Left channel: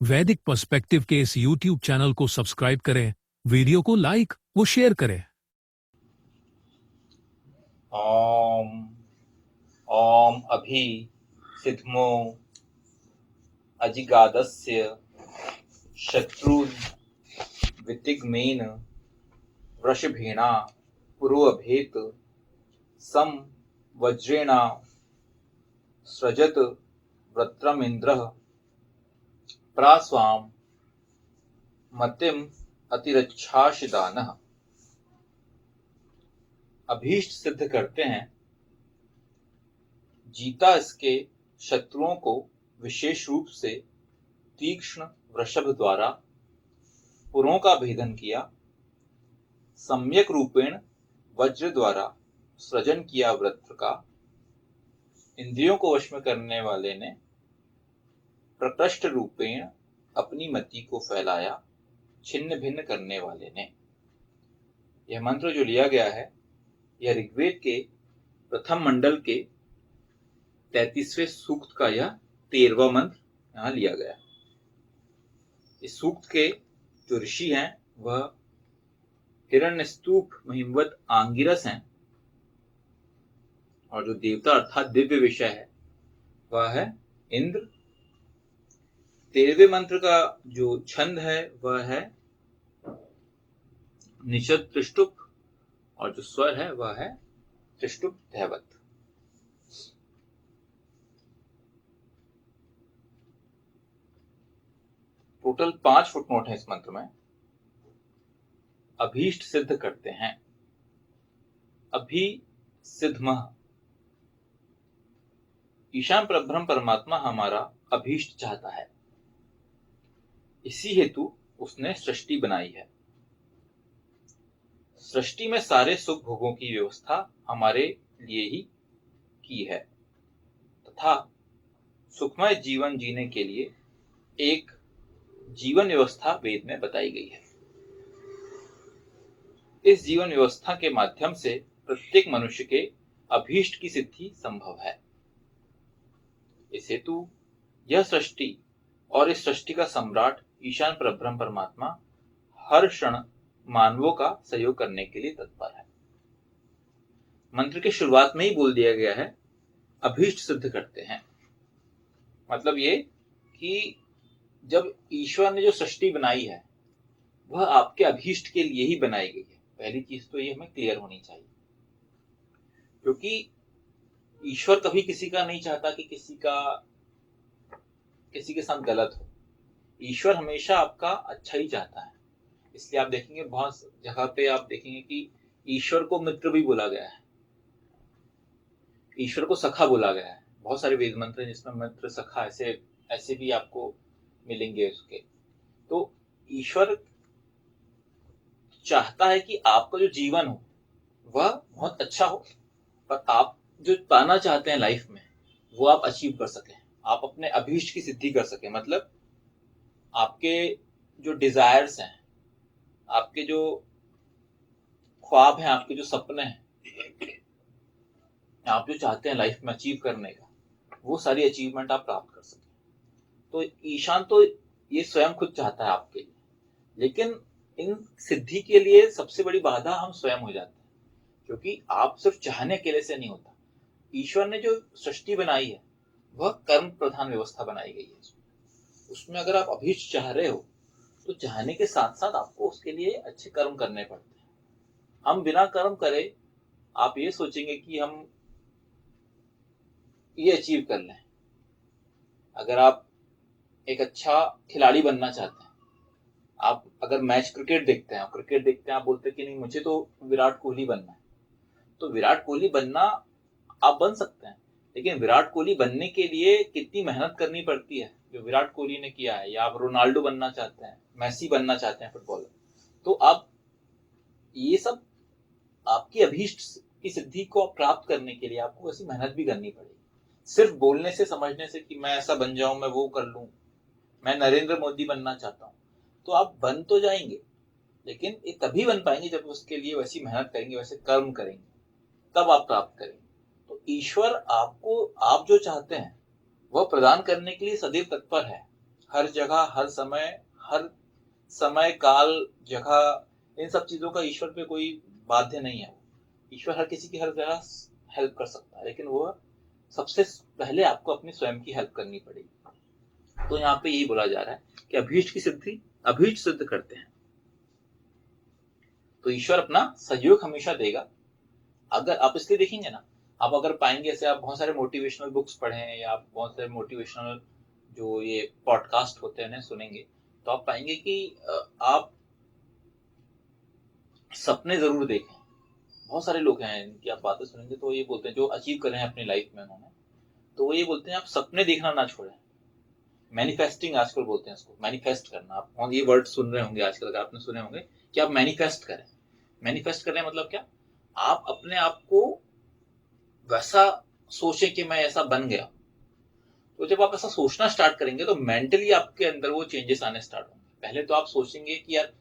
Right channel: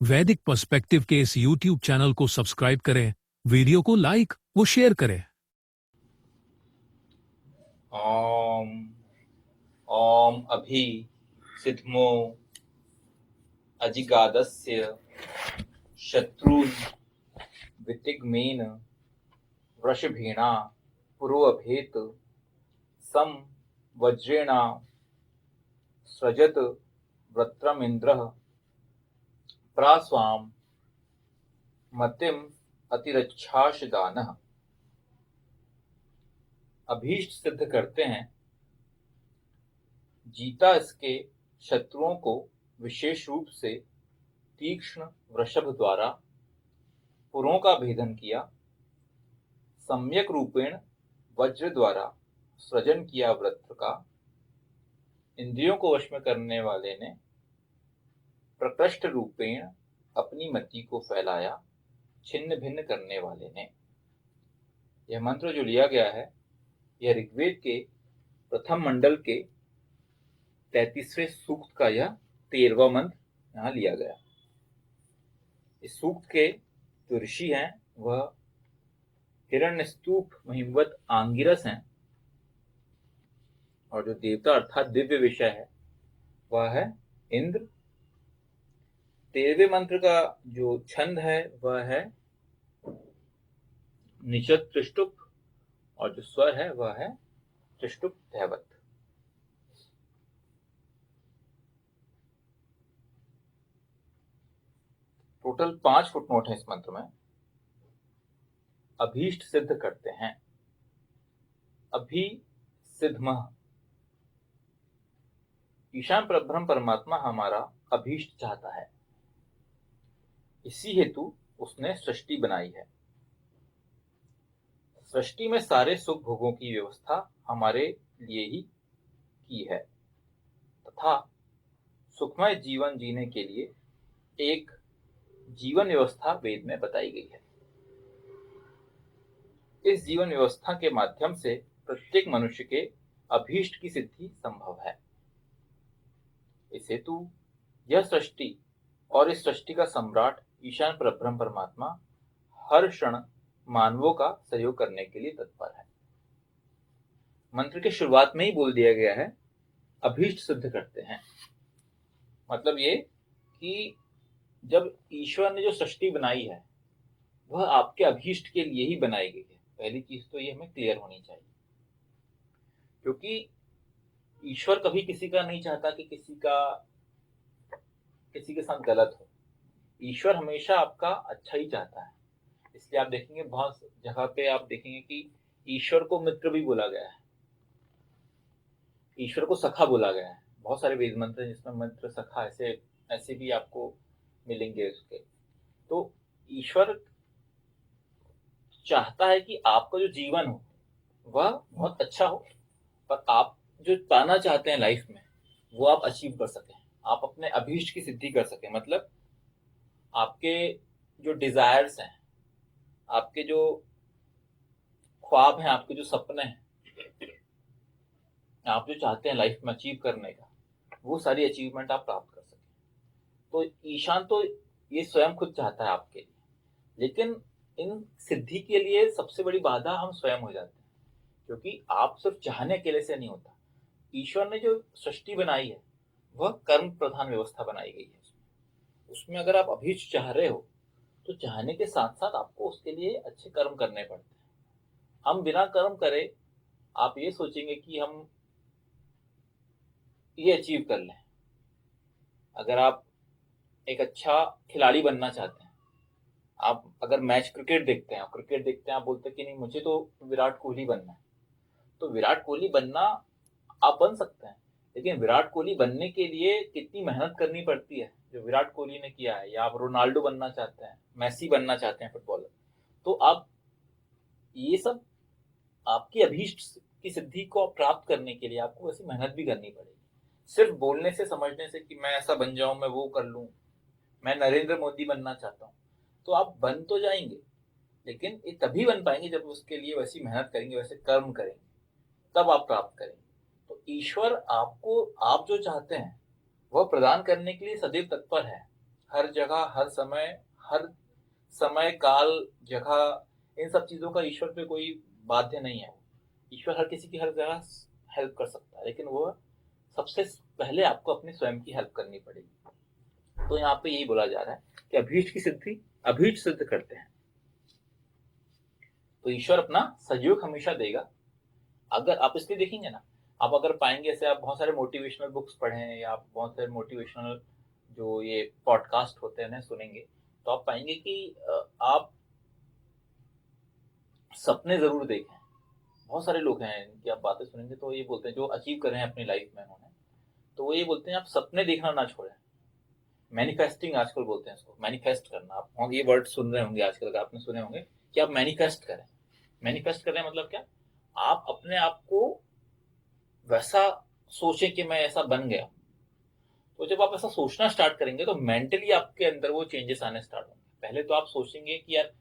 वैदिक पर्सपेक्टिव के इस YouTube चैनल को सब्सक्राइब करें, वीडियो को लाइक व शेयर करें। ओम ओम अभि सिद्धमो अजिगादस्य शत्रुन वितिग्मेन वृषभेणा पुरोऽभेत सम वज्रेणा सृजत वृत्रमिन्द्रः प्रास्वाम मतिम अतिरच्छाशदानः। अभीष्ट सिद्ध करते हैं, जीता इसके शत्रुओं को विशेष रूप से तीक्ष्ण वृषभ द्वारा पुरों का भेदन किया, सम्यक रूपेण वज्र द्वारा सृजन किया वृत्र का, इंद्रियों को वश में करने वाले ने प्रकृष्ट रूपेण अपनी मति को फैलाया, छिन्न भिन्न करने वाले ने। यह मंत्र जो लिया गया है, यह ऋग्वेद के प्रथम मंडल के 33वें सूक्त का यह 13वां मंत्र यहाँ लिया गया। इस सूक्त के जो ऋषि हैं वह हिरण्यस्तूप महिमवत आंगिरस हैं, और जो देवता अर्थात दिव्य विषय है वह है इंद्र। 13वें मंत्र का जो छंद है वह है निषद त्रिष्टुप, और जो स्वर है वह है त्रिष्टुप धैवत। टोटल 5 फुटनोट है इस मंत्र में। अभीष्ट सिद्ध करते हैं, अभी सिद्धमः। ईशान परब्रह्म परमात्मा हमारा अभीष्ट चाहता है, इसी हेतु उसने सृष्टि बनाई है। सृष्टि में सारे सुख भोगों की व्यवस्था हमारे लिए ही की है, तथा सुखमय जीवन जीने के लिए एक जीवन व्यवस्था वेद में बताई गई है। इस जीवन व्यवस्था के माध्यम से प्रत्येक मनुष्य के अभीष्ट की सिद्धि संभव है। इस हेतु यह सृष्टि और इस सृष्टि का सम्राट ईशान परब्रह्म परमात्मा हर क्षण मानवों का सहयोग करने के लिए तत्पर है। मंत्र के शुरुआत में ही बोल दिया गया है, अभीष्ट सिद्ध करते हैं। मतलब ये कि जब ईश्वर ने जो सृष्टि बनाई है वह आपके अभीष्ट के लिए ही बनाई गई है। पहली चीज तो ये हमें क्लियर होनी चाहिए, क्योंकि ईश्वर कभी किसी का नहीं चाहता कि किसी के साथ गलत हो। ईश्वर हमेशा आपका अच्छा ही चाहता है। इसलिए आप देखेंगे बहुत जगह पे आप देखेंगे कि ईश्वर को मित्र भी बोला गया है, ईश्वर को सखा बोला गया है। बहुत सारे वेद मंत्र हैं जिसमें मित्र सखा ऐसे भी आपको मिलेंगे उसके। तो ईश्वर चाहता है कि आपका जो जीवन हो वह बहुत अच्छा हो, पर आप जो पाना चाहते हैं लाइफ में वो आप अचीव कर सकें, आप अपने अभीष्ट की सिद्धि कर सकें। मतलब आपके जो डिजायर्स हैं, आपके जो ख्वाब हैं, आपके जो सपने हैं, आप जो चाहते हैं लाइफ में अचीव करने का, वो सारी अचीवमेंट आप प्राप्त कर सकें। तो ईशान तो ये स्वयं खुद चाहता है आपके लिए, लेकिन इन सिद्धि के लिए सबसे बड़ी बाधा हम स्वयं हो जाते हैं, क्योंकि आप सिर्फ चाहने के लिए से नहीं होता। ईश्वर ने जो सृष्टि बनाई है वह कर्म प्रधान व्यवस्था बनाई गई है। उसमें अगर आप अभीष्ट चाह रहे हो तो चाहने के साथ साथ आपको उसके लिए अच्छे कर्म करने पड़ते हैं। हम बिना कर्म करे आप ये सोचेंगे कि हम ये अचीव कर लें। अगर आप एक अच्छा खिलाड़ी बनना चाहते हैं, आप अगर मैच क्रिकेट देखते हैं, आप बोलते हैं कि नहीं मुझे तो विराट कोहली बनना है, तो विराट कोहली बनना आप बन सकते हैं, लेकिन विराट कोहली बनने के लिए कितनी मेहनत करनी पड़ती है जो विराट कोहली ने किया है। या आप रोनाल्डो बनना चाहते हैं, मेसी बनना चाहते हैं फुटबॉलर, तो आप ये सब आपकी अभीष्ट की सिद्धि को प्राप्त करने के लिए आपको ऐसी मेहनत भी करनी पड़ेगी। सिर्फ बोलने से समझने से कि मैं ऐसा बन जाऊं, मैं वो कर लूं, मैं नरेंद्र मोदी बनना चाहता हूं, तो आप बन तो जाएंगे, लेकिन ये तभी बन पाएंगे जब उसके लिए वैसी मेहनत करेंगे, वैसे कर्म करेंगे, तब आप प्राप्त करेंगे। तो ईश्वर आपको आप जो चाहते हैं वह प्रदान करने के लिए सदैव तत्पर है। हर जगह, हर समय, काल, जगह, इन सब चीज़ों का ईश्वर पे कोई बाध्य नहीं है। ईश्वर हर किसी की हर जगह हेल्प कर सकता है, लेकिन वो सबसे पहले आपको अपनी स्वयं की हेल्प करनी पड़ेगी। तो यहाँ पे यही बोला जा रहा है कि अभीष्ट की सिद्धि अभीष्ट सिद्ध करते हैं। तो ईश्वर अपना सहयोग हमेशा देगा। अगर आप इसलिए देखेंगे ना, आप अगर पाएंगे, ऐसे आप बहुत सारे मोटिवेशनल बुक्स पढ़ें या आप बहुत सारे मोटिवेशनल जो ये पॉडकास्ट होते हैं सुनेंगे, तो आप पाएंगे कि आप सपने जरूर देखें। बहुत सारे लोग हैं इनकी आप बातें सुनेंगे तो ये बोलते हैं, जो अचीव कर रहे हैं अपनी लाइफ में उन्होंने, तो वो ये बोलते हैं आप सपने देखना ना छोड़ें। मैनिफेस्टिंग आजकल बोलते हैं इसको, मैनिफेस्ट करना। आप ये वर्ड सुन रहे होंगे आजकल, अगर आपने सुने होंगे कि आप मैनिफेस्ट करें। मैनिफेस्ट करने मतलब क्या? आप अपने आप को वैसा सोचें कि मैं ऐसा बन गया। तो जब आप ऐसा सोचना स्टार्ट करेंगे तो मेंटली आपके अंदर वो चेंजेस आने स्टार्ट होंगे। पहले तो आप सोचेंगे कि यार,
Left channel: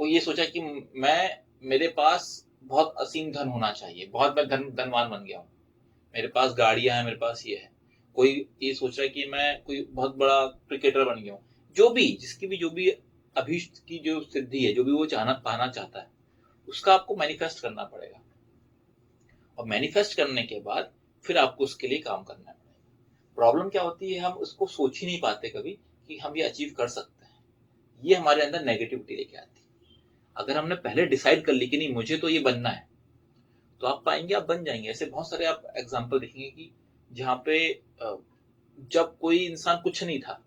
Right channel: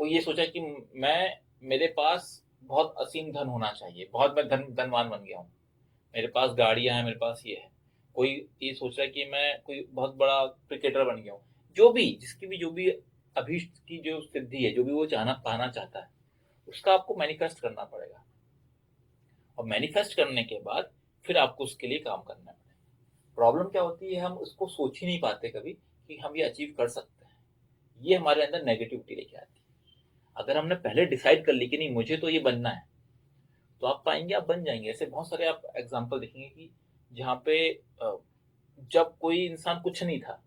कोई ये सोचा कि मैं मेरे पास बहुत असीम धन होना चाहिए, बहुत मैं धनवान बन गया हूँ, मेरे पास गाड़ियां हैं, मेरे पास ये है। कोई ये सोच रहा है कि मैं कोई बहुत बड़ा क्रिकेटर बन गया हूँ। जो भी, जिसकी भी जो भी अभीष्ट की जो सिद्धि है, जो भी वो चाहना पाना चाहता है, उसका आपको मैनिफेस्ट करना पड़ेगा। और मैनिफेस्ट करने के बाद फिर आपको उसके लिए काम करना पड़ेगा। प्रॉब्लम क्या होती है, हम उसको सोच ही नहीं पाते कभी कि हम ये अचीव कर सकते हैं। ये हमारे अंदर नेगेटिविटी लेके आती है। अगर हमने पहले डिसाइड कर ली कि नहीं मुझे तो ये बनना है, तो आप पाएंगे आप बन जाएंगे। ऐसे बहुत सारे आप एग्जाम्पल देखेंगे कि जहाँ पे जब कोई इंसान कुछ नहीं था,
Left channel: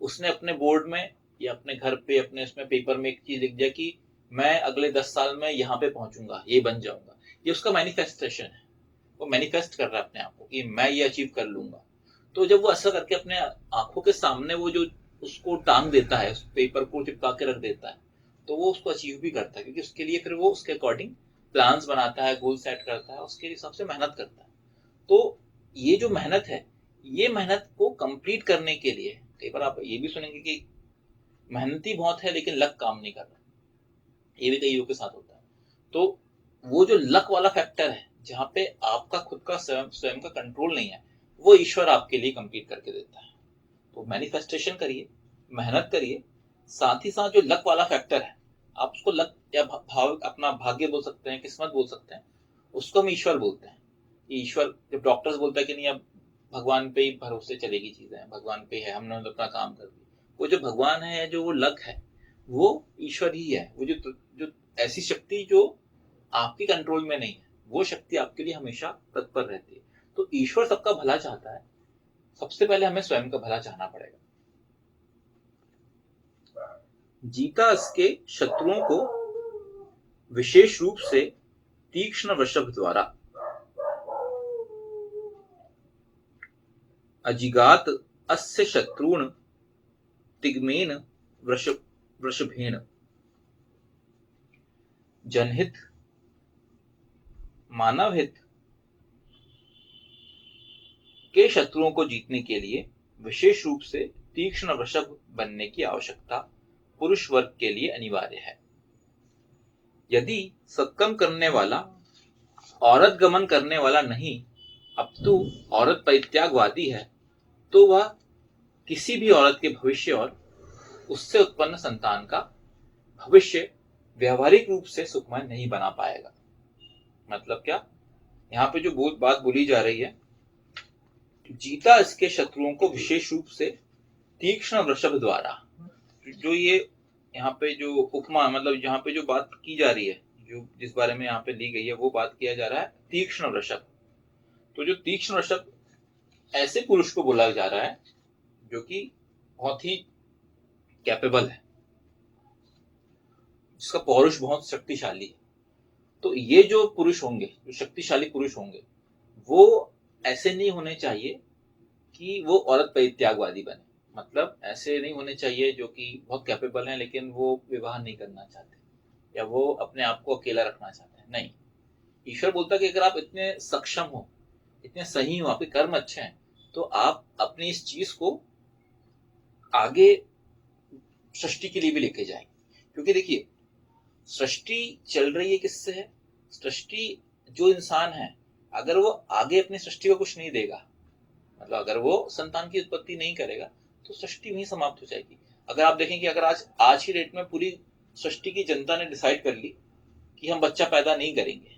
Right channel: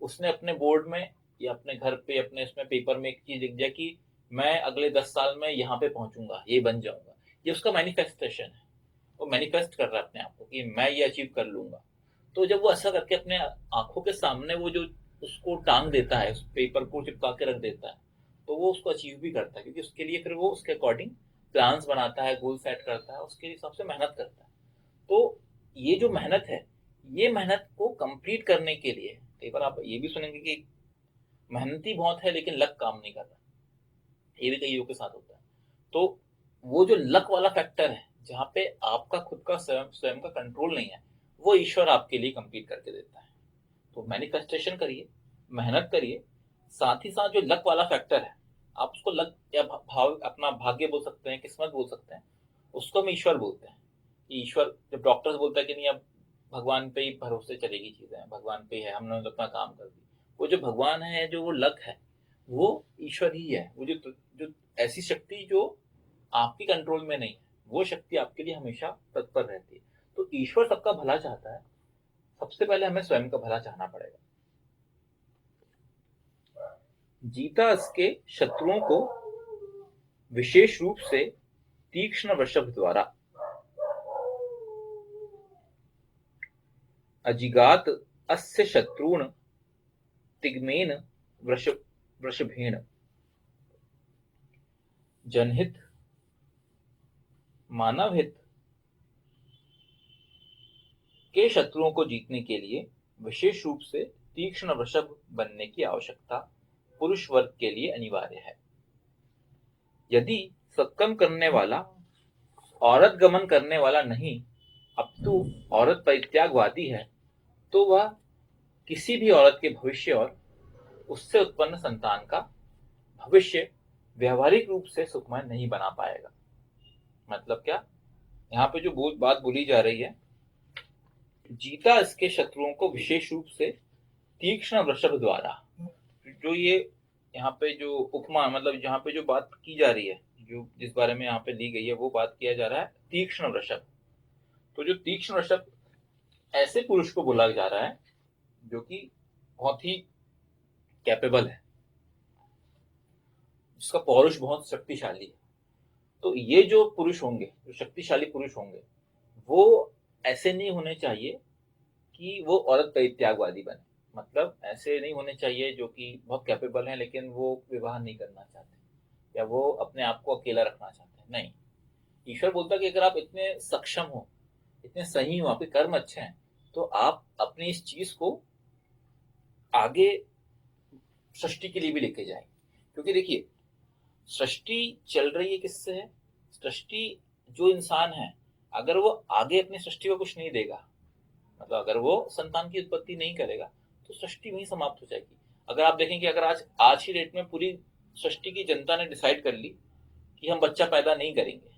उसने अपने बोर्ड में या अपने घर पे अपने इसमें पेपर में एक चीज लिख दिया कि मैं अगले 10 साल में यहाँ पे पहुंचूंगा, ये बन जाऊंगा। ये उसका मैनिफेस्टेशन है। वो मैनिफेस्ट कर रहा है अपने आप को कि मैं ये अचीव कर लूंगा। तो जब वो ऐसा करके अपने आंखों के सामने वो जो उसको टांग देता है, उस पेपर को चिपका के रख देता है, तो वो उसको अचीव भी करता है, क्योंकि उसके लिए फिर वो उसके अकॉर्डिंग प्लान्स बनाता है, गोल सेट करता है, उसके हिसाब से मेहनत करता है। तो ये जो मेहनत है, ये मेहनत को कंप्लीट करने के लिए कई बार आप ये भी सुनेंगे कि मेहनती बहुत है लेकिन लक काम नहीं कर रहा। ये भी कई लोगों के साथ होता है। तो वो जो लक वाला फैक्टर है, जहाँ पे आपका खुद का स्वयं स्वयं का कंट्रोल नहीं है, वो ईश्वर आपके लिए कंप्लीट करके देता है। तो मैनिफेस्टेशन करिए, मेहनत करिए, साथ ही साथ जो लक वाला फैक्टर है, आप उसको लक या भाव, अपना भाग्य बोल सकते हैं, किस्मत बोल सकते हैं, उसको हम ईश्वर बोलते हैं। ईश्वर, जब डॉक्टर्स बोलता है कि नहीं अब भगवान पे ही भरोसे चलेगी चीजें, भगवान पे है, हमने अपना काम कर दिया, वो जो भगवान है, जो वो लक है, वो ईश्वर ही है। वो जो ऐसी शक्ति जो आपकी कंट्रोल में नहीं है, वो शक्ति आपके लिए हमेशा तत्पर रहती है। तो ईश्वर सबका भला चाहता है, सबसे पहले हमें स्वयं का भला चाहना पड़ेगा। जीता इसके शत्रुओं को विशेष रूप से तीक्ष्ण वृषभ द्वारा, अजिगात अस्य शत्रुन तिग्मेन वृषभेण। जनहित मानव हित के शत्रुओं को जीतने के लिए विशेष रूप से तीक्ष्ण वृषभ बनने की आवश्यकता पुरुष वर्ग के लिए अनिवार्य है। यदि सत्कर्म करने वाला औरत गमन करने वाला नहीं, अपितु औरत परित्यागवादी है, तो वह किसी भी औरत के भविष्य और उससे उत्पन्न संतान का भविष्य व्यवहारिक रूप से सुखमय नहीं बना पाएगा। मतलब क्या? यहाँ पे जो बात बोली जा रही है, जीता इसके शत्रुओं को विशेष रूप से तीक्ष्ण वृषभ द्वारा, जो ये यहाँ पे जो उपमा, मतलब यहाँ पे जो बात की जा रही है, जो जिस बारे में यहाँ पे ली गई है, वो बात किया जा रहा है तीक्ष्ण वृषभ। तो जो तीक्ष्ण वृषभ, ऐसे पुरुष को बोला जा रहा है जो कि बहुत ही कैपेबल है, जिसका पौरुष बहुत शक्तिशाली है। तो ये जो पुरुष होंगे, जो शक्तिशाली पुरुष होंगे, वो ऐसे नहीं होने चाहिए कि वो औरत परित्यागवादी बने। मतलब ऐसे नहीं होने चाहिए जो कि बहुत कैपेबल हैं लेकिन वो विवाह नहीं करना चाहते, या वो अपने आप को अकेला रखना चाहते हैं। नहीं, ईश्वर बोलता है कि अगर आप इतने सक्षम हो, इतने सही हो, आपके कर्म अच्छे हैं, तो आप अपनी इस चीज को आगे सृष्टि के लिए भी लेके जाएंगे। क्योंकि देखिए, सृष्टि चल रही है किससे है? सृष्टि, जो इंसान है, अगर वो आगे अपनी सृष्टि को कुछ नहीं देगा, मतलब अगर वो संतान की उत्पत्ति नहीं करेगा, तो सृष्टि वहीं समाप्त हो जाएगी। अगर आप देखें कि अगर आज की डेट में पूरी सृष्टि की जनता ने डिसाइड कर ली कि हम बच्चा पैदा नहीं करेंगे,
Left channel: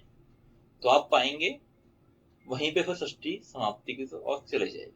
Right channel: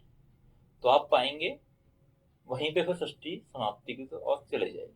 तो आप पाएंगे वहीं पे फिर सृष्टि समाप्ति की ओर चले जाएगी।